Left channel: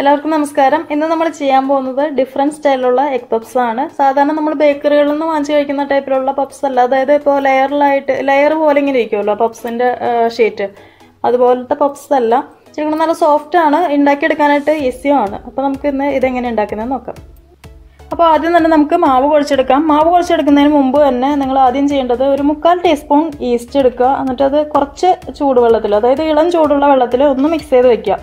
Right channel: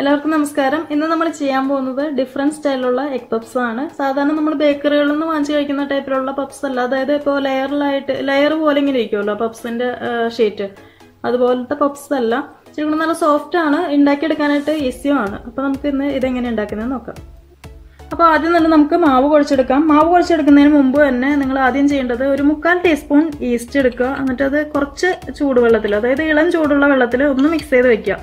എല്ലാവർക്കും നമസ്കാരം. ഇന്ന് നമ്മൾ ചെയ്യാൻ പോകുന്നത് ഡിഫറെന്റ് സ്റ്റൈലിലുള്ള എഗ് പപ്സ് ആണ്. സാധാരണ നമ്മൾ ബേക്കറികളിൽ നിന്ന് വാങ്ങിച്ചു കഴിക്കുന്ന ടൈപ്പിലുള്ള പപ്സ് അല്ല. അതായത് ഇപ്പോൾ ലെയർ പോലെ ഇങ്ങനെ ഇരിക്കുമല്ലോ പപ്സിന്റെ ഷീറ്റ്, അതുപോലത്തെ പപ്സ് അല്ല. ശരിക്കും നല്ല സോഫ്റ്റ് ആണ്, ഉണ്ടാക്കിയെടുക്കാനായിട്ട് ഈസിയുമാണ്. അപ്പോൾ നമുക്ക് ഇന്ന് ഇതെങ്ങനെ ഉണ്ടാക്കുന്നത് നോക്കാം. അപ്പോൾ ആദ്യം തന്നെ നമുക്ക് മാവ് കുഴച്ചെടുക്കാം. മാവ് കുഴച്ചെടുക്കുന്നതിന് മുമ്പ് തന്നെ നിങ്ങൾ ആദ്യം ചെയ്യേണ്ടത് ഒരു 3/4 ടീസ്പൂൺ ഈസ്റ്റ് എടുക്കുക. എന്നിട്ട് അത് കുറച്ച് ചൂടുവെള്ളത്തിൽ, അതായത് ഇളം ചൂടുള്ള വെള്ളത്തിൽ ഒന്ന് മിക്സ് ചെയ്ത് വെക്കുക.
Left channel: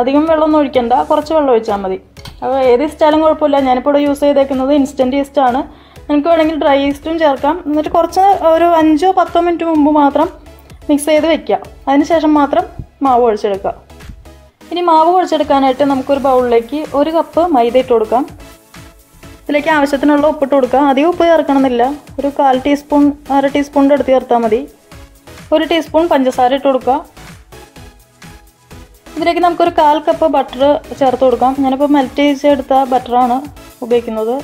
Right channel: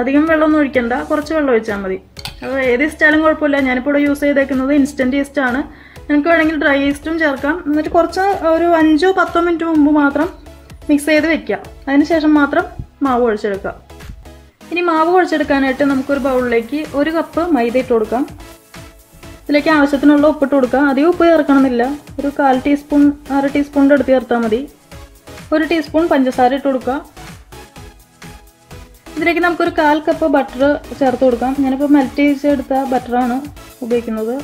അധികം വെള്ളമൊന്നും ഒഴിക്കണ്ട, കുറച്ച് വെള്ളം ഒഴിച്ചാൽ മതി. അപ്പോൾ ഏത് ഈസ്റ്റാലും കുഴപ്പമില്ല. ഞാനിപ്പോൾ ഇവിടെ യൂസ് ചെയ്തേക്കുന്നത് ഇൻസ്റ്റൻറ്റ് ഈസ്റ്റ് ആണ്. നിങ്ങൾക്ക് വേണമെങ്കിൽ ഡ്രൈ ഈസ്റ്റും ചേർക്കാം. എന്നിട്ട് കുറച്ച് ഒരു 5-10 മിനിറ്റ് മുമ്പ് മാത്രം മിക്സ് ചെയ്ത് വെക്കുക. അതിനുശേഷം മാത്രം മാവ് കുഴച്ചെടുക്കുക. ഇനി മാവ് കുഴച്ചെടുക്കാനായിട്ട് നമുക്കൊരു ബൗളിലേക്ക് 1 കപ്പ് മൈദ ഇട്ട് കൊടുക്കാം. ഇതിലേക്ക് ആവശ്യത്തിനുള്ള ഉപ്പിട്ട് കൊടുക്കുക. അധികം ഉപ്പ് ചേർക്കണമെന്നില്ല. ഒരു 1/4 ടീസ്പൂൺ, 1/2 ടീസ്പൂണിൻ്റെ അടുത്ത് ചേർത്താൽ മതി. 1 ടീസ്പൂൺ പഞ്ചസാര ഇട്ട് കൊടുക്കുക. ഇതിലേക്ക് നമുക്കൊരു 1/4 കപ്പ് ബട്ടർ ചേർത്ത് കൊടുക്കാം. ഞാനിപ്പോൾ മെൽറ്റ് ചെയ്തെടുത്ത ബട്ടറാണ് ഉപയോഗിക്കുന്നത്.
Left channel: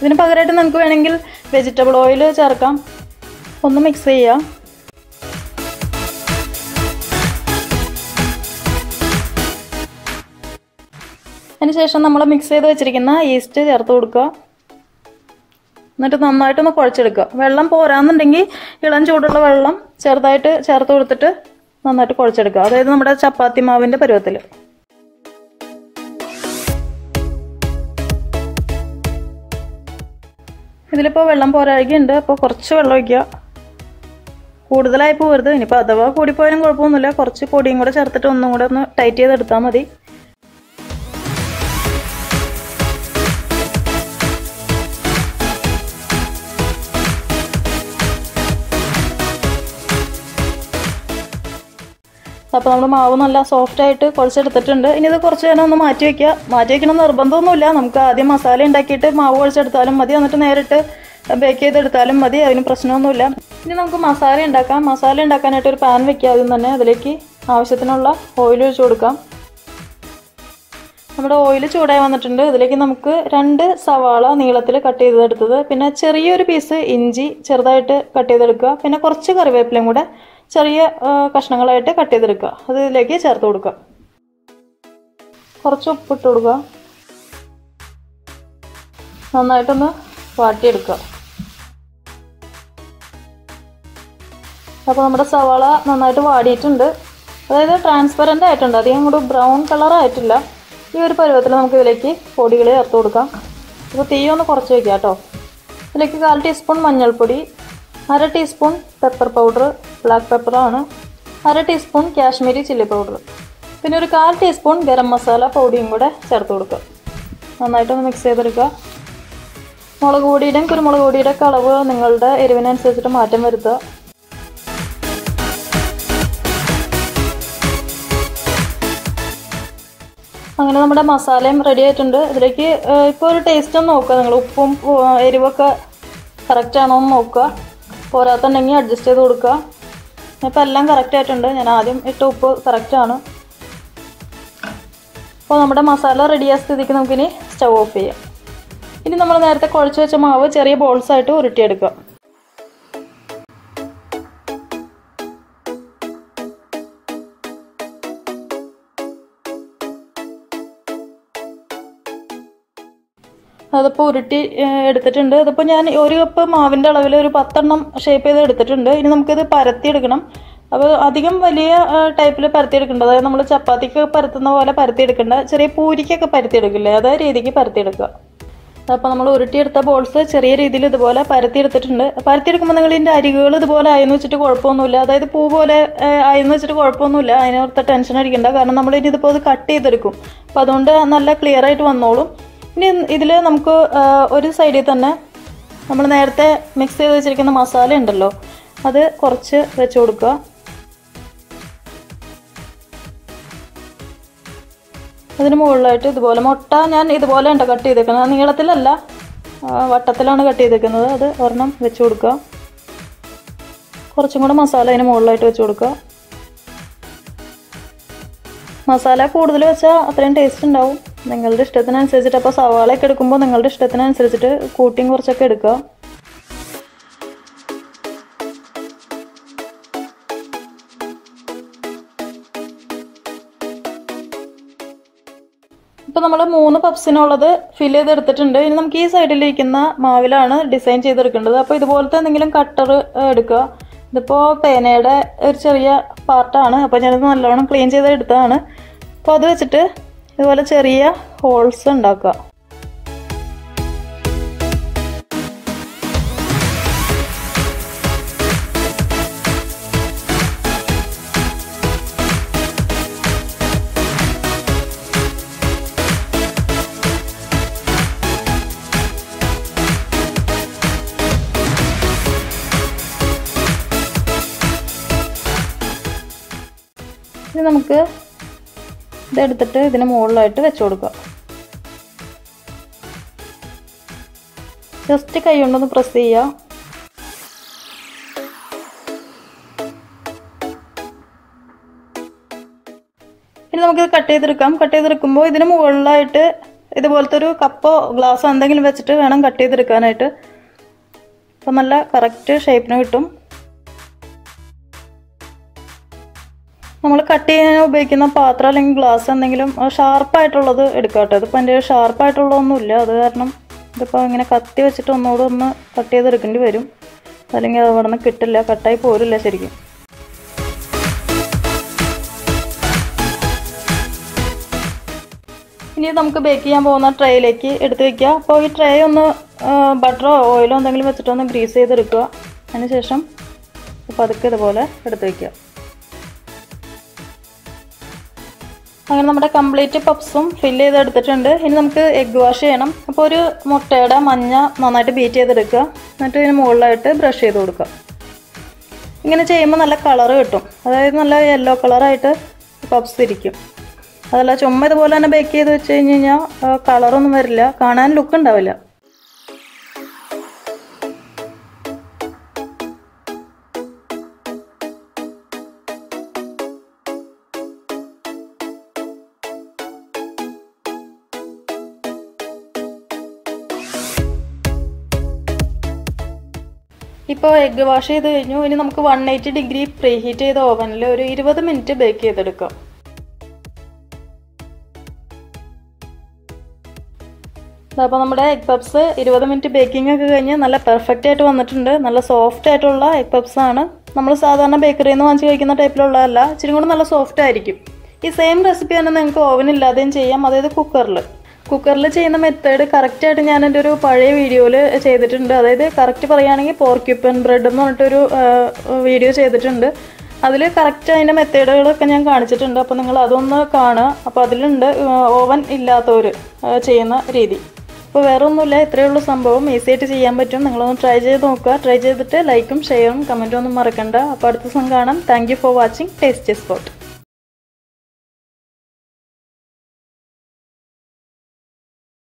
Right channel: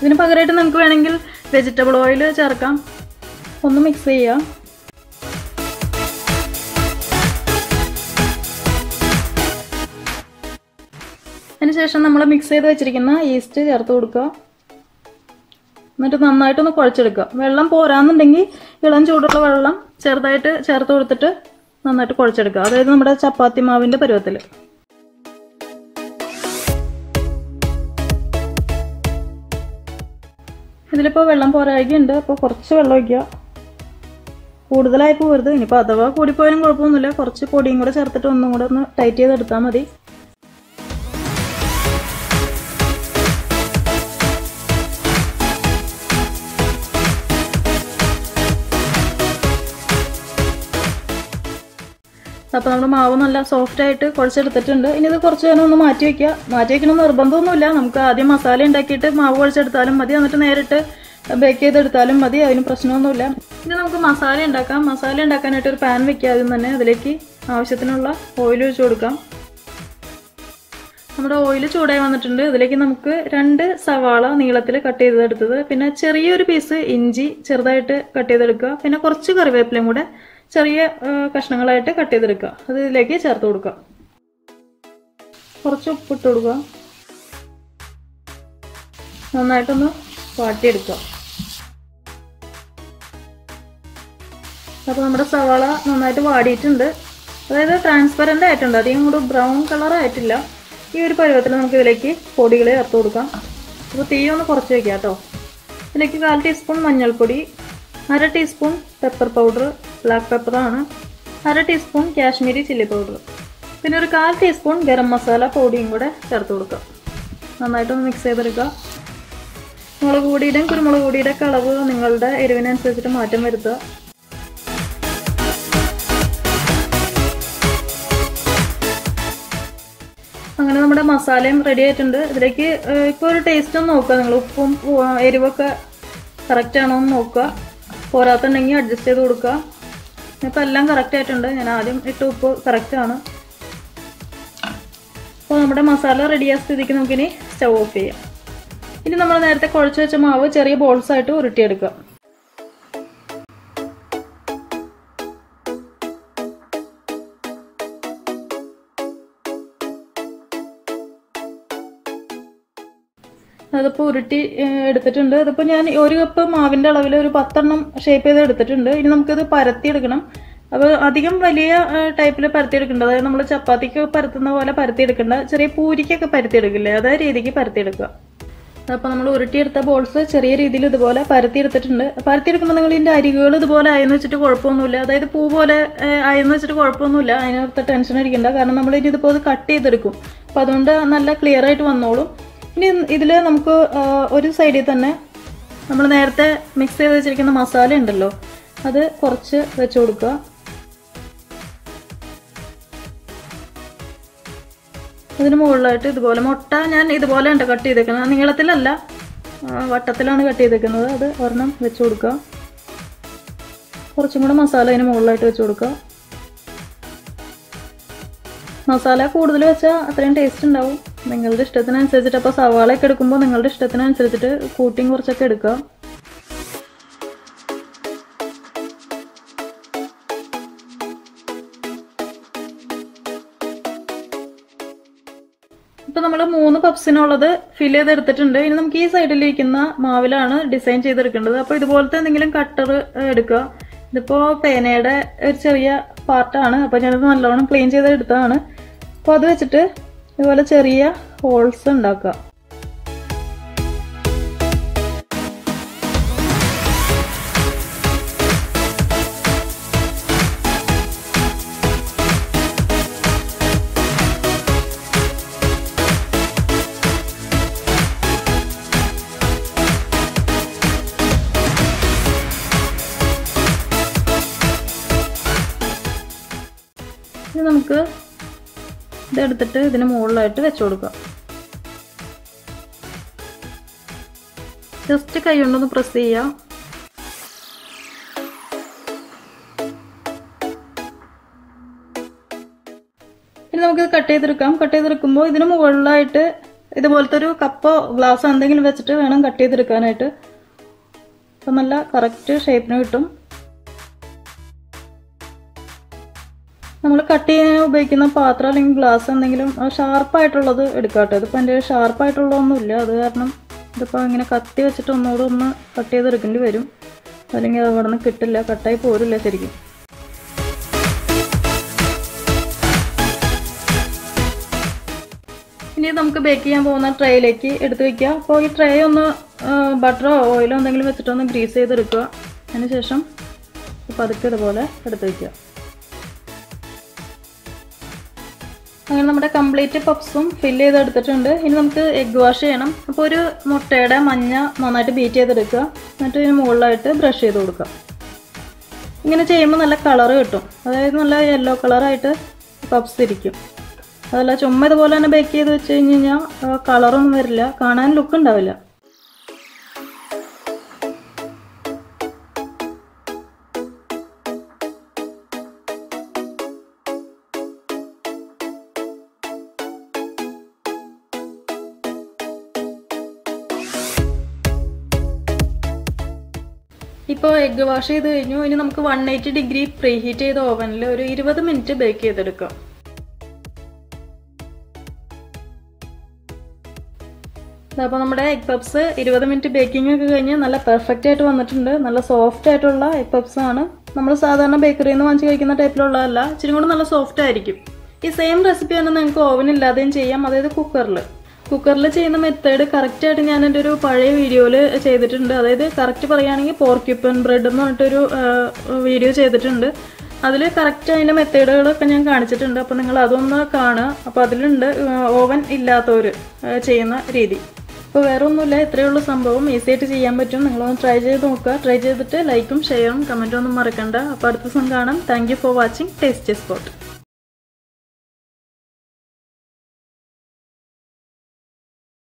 ഇതിന് പകരമായിട്ട് നമുക്ക് വേണമെങ്കിൽ വെജിറ്റബിൾ ഓയിൽ ചേർക്കാം. ഒന്ന് മിക്സ് ചെയ്യുക. അതിനുശേഷം നമ്മൾ മിക്സ് ചെയ്ത് വെച്ചിരിക്കുന്ന ഈസ്റ്റ് ചേർത്ത് കൊടുക്കുക. എന്നിട്ട് നന്നായിട്ടൊന്ന് കുഴച്ചെടുക്കുക. വെള്ളം പോരാന്നുണ്ടെങ്കിൽ ഇളം ചൂടുള്ള വെള്ളം ചെറുതായിട്ട് ചേർത്ത് കൊടുത്തിട്ട് നന്നായിട്ട് കുഴച്ചെടുക്കുക. അതായത് നമ്മുടെ ചപ്പാത്തി മാവിൻ്റെ പരുവത്തിൽ. ഇതിലിപ്പോൾ വെള്ളം പോരാഴികയുണ്ട്. അപ്പോൾ കുറച്ച് വെള്ളം ഒഴിക്കുക. കൂടുതലായി പോകരുത്. ഇനിയിപ്പോൾ അഥവാ കൂടിപ്പോയാലും കുഴപ്പമൊന്നുമില്ല. കുറച്ച് പൊടിയും കൂടെ ചേർത്തിട്ട് ഒന്നും കൂടെ ഒന്ന് ടൈറ്റ് ചെയ്തെടുത്താൽ മതി. അപ്പോൾ നമ്മുടെ മാവ് നല്ല സോഫ്റ്റായിട്ട് കുഴച്ചെടുത്തിട്ടുണ്ട്. ഇനി ഇത് കുറച്ച് നേരം ഒന്ന് മാറ്റി വയ്ക്കുക. മാറ്റി വയ്ക്കണം നിർബന്ധമൊന്നുമില്ല. നമുക്ക് ആദ്യം മസാല ഉണ്ടാക്കിയിട്ട് മാവ് കുഴച്ചെടുത്താലും മതി. എന്നിട്ട് നേരിട്ട് ബേക്ക് ചെയ്തെടുത്താലും മതി. അതിന് പ്രശ്നമൊന്നുമില്ല. ഇനി നമുക്ക് മസാല ഉണ്ടാക്കാം. മസാല ഉണ്ടാക്കാനായിട്ട് ഒരു പാൻ വെക്കുക. ആദ്യം തന്നെ അതിലേക്ക് ആവശ്യത്തിനുള്ള ഓയിൽ ഒഴിച്ച് കൊടുക്കാം. നമ്മുടെ ഓയിൽ ചൂടായി വന്നിട്ടുണ്ട്. അതിലേക്ക് നമുക്ക് 2 സവാള നീളത്തിൽ കട്ട് ചെയ്തെടുത്തത്, പിന്നെ ചെറിയൊരു പീസ് ഇഞ്ചി ചെറുതായിട്ട് കട്ട് ചെയ്തെടുക്കുക, പിന്നെ കുറച്ച് കറിവേപ്പിലയും കൂടെ ചെറിയ കഷ്ണങ്ങളായിട്ട് കട്ട് ചെയ്തെടുക്കുക. അത് ഇതിലേക്ക് ചേർത്ത് കൊടുക്കുക. കുറച്ച് ഉപ്പിട്ട് കൊടുക്കുക. നന്നായിട്ടൊന്ന് വാട്ടിയെടുക്കുക. അപ്പോൾ നമ്മുടെ സവാള നന്നായിട്ട് വാടിയിട്ടുണ്ട്. അതായത് ട്രാൻസ്പെറൻ്റ് ആയിട്ടുണ്ട്. അധികം കൂടെ ബ്രൗൺ കളർ ആയിട്ടില്ല. ഈ ഒരു പരുവത്തിൽ നമുക്ക് ഇതിലേക്ക് പൊടികൾ ചേർത്ത് കൊടുക്കാം. അപ്പോൾ തീ ഒന്ന് കുറച്ച് വയ്ക്കുക കേട്ടോ. ഇതിലേക്ക് 1/4 ടീസ്പൂൺ മഞ്ഞൾപ്പൊടി, 1/2 ടീസ്പൂൺ പെപ്പർ പൗഡർ, ബ്ലാക്ക് പെപ്പറാണ്, 1/2 ടീസ്പൂൺ കാശ്മീരി ചില്ലി പൗഡർ, പിന്നെ ഒരു 1/4 ടീസ്പൂൺ ഗരം മസാല പൊടിയും കൂടെ ചേർത്ത് കൊടുക്കുക. നന്നായിട്ടൊന്ന് മിക്സ് ചെയ്തെടുക്കുക. മുളക് പൊടിയുടെയും കുരുമുളക് പൊടിയുടെ അളവ് നിങ്ങളുടെ എരിവിനനുസരിച്ചിട്ട് മാറ്റം വരുത്തുക. അങ്ങനെ നമ്മുടെ മസാലയും റെഡി ആയിട്ടുണ്ട്. ഇതിലേക്ക് ഇപ്പോൾ ഒരു ടേസ്റ്റ് ഒന്ന് നോക്കുക. നിങ്ങൾ ഉപ്പും എരിവൊക്കെ കറക്റ്റ് ആണോ എന്ന് നോക്കുക. പോരാത്തുണ്ടെങ്കിൽ അഡ്ജസ്റ്റ് ചെയ്ത് കൊടുക്കുക. ഇപ്പോൾ എല്ലാം കറക്റ്റ് ആയിട്ടുണ്ട്. ഞാൻ ആദ്യം ഇട്ട ഉപ്പ് കറക്റ്റാണ്. അപ്പോൾ നമ്മുടെ മസാല റെഡിയായ സ്ഥിതിക്ക് നമുക്കിനി സ്റ്റവ് ഓഫ് ചെയ്യാം. ഇനി നമ്മൾ നേരത്തെ കുഴച്ച് വെച്ച മാവ് ചെറിയ ബോൾസായിട്ട് ഉരുട്ടിയെടുക്കുക. അതിപ്പോൾ ഉരുട്ടി എടുത്തിട്ടുണ്ട്. ഇതിപ്പോൾ ഞാൻ 1 കപ്പ് മാവിൻ്റെ അളവിൽ ഒരു 10 എണ്ണം ഷേപ്പ് ചെയ്ത് എടുത്തിട്ടുണ്ട്. ഇനി നമുക്കിത് പരത്തിയെടുക്കണം. അപ്പോൾ അധികം വലിയ ടൈപ്പിൽ പരത്തിയെടുക്കേണ്ട, അതായത് നമ്മൾ ചപ്പാത്തിക്ക് പരത്തുന്ന പോലെ പരത്തിയെടുക്കേണ്ട, ചെറിയ പൂരിക്കൊക്കെ പരത്തിയെടുക്കില്ലേ, അതേ രീതിക്ക് പരത്തിയെടുക്കുക. അപ്പോൾ നമ്മൾ ഉരുട്ടിയെടുത്ത ബോൾസ് ചെറിയ രീതിയിൽ ഇതുപോലെ പരത്തിയെടുത്തിട്ടുണ്ട്. പരത്തിയെടുക്കുമ്പോൾ നിങ്ങൾ ഇതിൻ്റെ അരികുകൾ ഇതുപോലെ ആയെന്ന് വെച്ചിട്ട് കുഴപ്പമൊന്നുമില്ല. അതായത് പൂ പോലെ ആയെന്ന് വെച്ചിട്ട് കുഴപ്പമൊന്നുമില്ല. അതിനകത്ത് ടെൻഷൻ അടിക്കണ്ട. കാരണം നമ്മൾ ഇനി ഇതിപ്പോൾ ഇത് കട്ട് ചെയ്തെടുക്കും. അപ്പോൾ അതുകൊണ്ട് നല്ല ക്ലിയർ ആയിട്ട് വന്നോളും. ഇനി ഇതിൽ നമുക്ക് ഒരു സൈഡിൽ തന്നെ നമ്മൾ നേരത്തെ മിക്സ് ചെയ്ത് വെച്ചിരിക്കുന്ന മസാല ഉണ്ടല്ലോ, അത് കുറച്ച് വെച്ച് കൊടുക്കുക. ഇതിന് മുകളിലായിട്ട് ഇതുപോലെ മുട്ട ഞാൻ ഇതുപോലെ ഉണ്ട് കട്ട് ചെയ്തേക്കുന്നത്. നീളത്തിലല്ല, വട്ടത്തിലാണ് കട്ട് ചെയ്തേക്കുന്നത്. അത് ഒരെണ്ണം വെച്ച് കൊടുക്കുക. കുറച്ചും കൂടെ മസാല അതിന് മുകളിലായിട്ട് വെച്ച് കൊടുക്കുക. മസാല കൂടുതൽ വെച്ചാൽ അത്രയും ടേസ്റ്റ് ഉണ്ടാവും. നിങ്ങളുടെ ഇഷ്ടത്തിനനുസരിച്ചിട്ട്. അപ്പോൾ സവാളയൊക്കെ എടുക്കുമ്പോൾ നിങ്ങളുടെ ഇഷ്ടത്തിനനുസരിച്ചിട്ട് കൂട്ടിയും കുറച്ചൊക്കെ എടുക്കുക. ഇപ്പോൾ നമ്മൾ 3 പപ്സിനുള്ളത് ഫില്ല് ചെയ്തെടുത്തിട്ടുണ്ട്. ഇനി നമുക്ക് ഈ സൈഡിലിരിക്കുന്ന മാവിലാണ് ഡിസൈൻ ചെയ്തെടുക്കേണ്ടത്. അപ്പോൾ ഇതുപോലത്തെ എന്തെങ്കിലും കട്ടർ എടുക്കുക. ഇതിപ്പോൾ പേനയുടെ ഒരു ചെറിയ പാർട്ടാണ്. അപ്പോൾ ഞാനത് നല്ലോണം ക്ലീൻ ചെയ്തെടുത്തതാണ്. അപ്പോൾ അത് വെച്ചിട്ട് ഇതുപോലെ ചെറിയ ഹോൾസ് ഉണ്ടാക്കുക. ഇനി നമുക്ക് ഇതെടുത്തിട്ട് ഇതിന് മുകളിലായിട്ട് വെച്ച് കൊടുക്കാം. ജസ്റ്റ് കൈ കൊണ്ടൊന്ന് പ്രസ് ചെയ്യാം. ഇനി നമുക്കിത് കട്ട് ചെയ്തെടുക്കാം. കട്ട് ചെയ്തെടുക്കുമ്പോൾ ഇതിന് മുകളിലായിട്ട് ഇതുപോലത്തെ ഒരു കപ്പോ ഗ്ലാസ്സോ എന്തെങ്കിലും വെച്ചിട്ട് വേണം കട്ട് ചെയ്തെടുക്കാനായിട്ട്. അപ്പം നല്ല കറക്റ്റ് ഷേപ്പിന് കിട്ടും. നമ്മൾ കട്ട് ചെയ്യാൻ ഉപയോഗിക്കുന്ന പാത്രം അല്ലെങ്കിൽ ഗ്ലാസ് എന്തെങ്കിലും ഷാർപ്പായിട്ടുള്ളത് എടുക്കാം കേട്ടോ. ഇതിപ്പോൾ എൻ്റെ ഷാർപ്പായിട്ടുള്ളതൊന്നുമില്ല. അത് കാരണം ഇതിപ്പോൾ ഇങ്ങനെ കത്തി വെച്ചിട്ട് ഒന്നുകൂടെ ഒന്ന് കട്ട് ചെയ്തെടുക്കേണ്ടി വരും. അല്ലെങ്കിൽ അത് അവിടെ നിന്ന് കിട്ടില്ല, കട്ടായി പോരില്ല ശരിക്കും. ഇനി നമുക്ക് ബേക്ക് ചെയ്യാൻ പോകുന്ന ട്രേയിലേക്ക് എടുത്ത് വയ്ക്കുക. അപ്പോൾ ഈ ട്രേ ഒന്ന് ബട്ടറോ ഓയിലോ എന്തെങ്കിലും വെച്ചിട്ടൊന്ന് ഗ്രീസ് ചെയ്തെടുക്കുക. അതിനുശേഷം പതുക്കെ ഇതുപോലെ എടുത്ത് വയ്ക്കുക. അങ്ങനെ നമ്മുടെ കംപ്ലീറ്റ് പപ്സും ഫില്ല് ചെയ്തെടുത്തിട്ടുണ്ട്. ഇനി നമുക്ക് എഗ്ഗ് വാഷ് ചെയ്യണം. അപ്പോൾ ഒരു മുട്ടയുടെ മഞ്ഞ നന്നായിട്ട് ബീറ്റ് ചെയ്തെടുക്കുക. എന്നിട്ട് ഇതിന് മുകളിലായിട്ട് ബ്രഷ് ചെയ്ത് കൊടുക്കുക. ഇങ്ങനെ ചെയ്യുമ്പോൾ നല്ല കളറ് കിട്ടും. അതായത് നല്ല യെല്ലോ കളറായിട്ട് പപ്സ് ഇരിക്കും. അതല്ല ചുമ്മാ ഇതുപോലെ തന്നെ ബേക്ക് ചെയ്ത് വെച്ച് കഴിഞ്ഞാൽ കളറൊന്നും വരില്ല, കാണാൻ ലുക്ക് ഉണ്ടാവില്ല. ഇപ്പോൾ എഗ്ഗ് വാഷ് ചെയ്ത് കഴിഞ്ഞു. ഇനി നമുക്ക് 180 ഡിഗ്രി പ്രീ ഹീറ്റ് ചെയ്ത ഓവനിൽ ഒരു 20 മിനിറ്റ് ബേക്ക് ചെയ്തെടുക്കാം. അപ്പോൾ നമ്മുടെ എഗ് പപ്സ് 20 മിനിറ്റ് ബേക്കിംഗ് ഒക്കെ കഴിഞ്ഞ് നല്ല പെർഫെക്റ്റ് ആയിട്ട് വന്നിട്ടുണ്ട്. നല്ല സോഫ്റ്റ് ആയിട്ടുള്ള എഗ് പപ്സ് ആണ്. നമ്മൾ സാധാരണ ബേക്കറിയിൽ നിന്ന് വാങ്ങിച്ച് കഴിക്കുന്ന ടൈപ്പിലുള്ളതല്ല, ഇച്ചിരി കൂടെ നല്ല സോഫ്റ്റ് ആയിരിക്കും. ഈ സെയിം റെസിപ്പി തന്നെ നിങ്ങൾക്ക് ഓവൻ ഇല്ലാതെയും ചെയ്യാം. അതായത് കുക്കറിൽ ചെയ്യുന്ന മെത്തേഡ് കറക്റ്റായിട്ട് ഞാൻ എൻ്റെ ഒരു പഴയ വീഡിയോയിൽ ചെയ്തിട്ടുണ്ട്. അതായത് കറക്റ്റ് പറയുകയാണെങ്കിൽ പോർക്യൂപ്പൻ ബ്രെഡ് എന്ന് പറഞ്ഞിട്ടൊരു വീഡിയോ ചെയ്തിട്ടുണ്ട്. അതിൽ കറക്റ്റ് അതിൻ്റെ മെത്തേഡുകളൊക്കെ ഞാൻ കാണിച്ചിട്ടുണ്ട്. അപ്പോൾ നിങ്ങൾ അതൊന്ന് കാണുക. അപ്പോൾ അതിലുണ്ട് ഓവൻ ഇല്ലാത്തവർ ചെയ്യുന്ന രീതി. അപ്പോൾ വേറെ ഒന്നുമില്ല, ഇത്രയേ ഉള്ളൂ സംഭവം. ഈസി ആയിട്ട് ചെയ്യാൻ പറ്റും. നിങ്ങളൊന്ന് ട്രൈ ചെയ്ത് നോക്കുക. ട്രൈ ചെയ്തിട്ട് ലൈക്കും ഷെയറും കമൻറ്റും ഒന്നും മറക്കണ്ട. അപ്പോൾ അടുത്ത ദിവസം കാണാം. Thank you for watching tasty spot.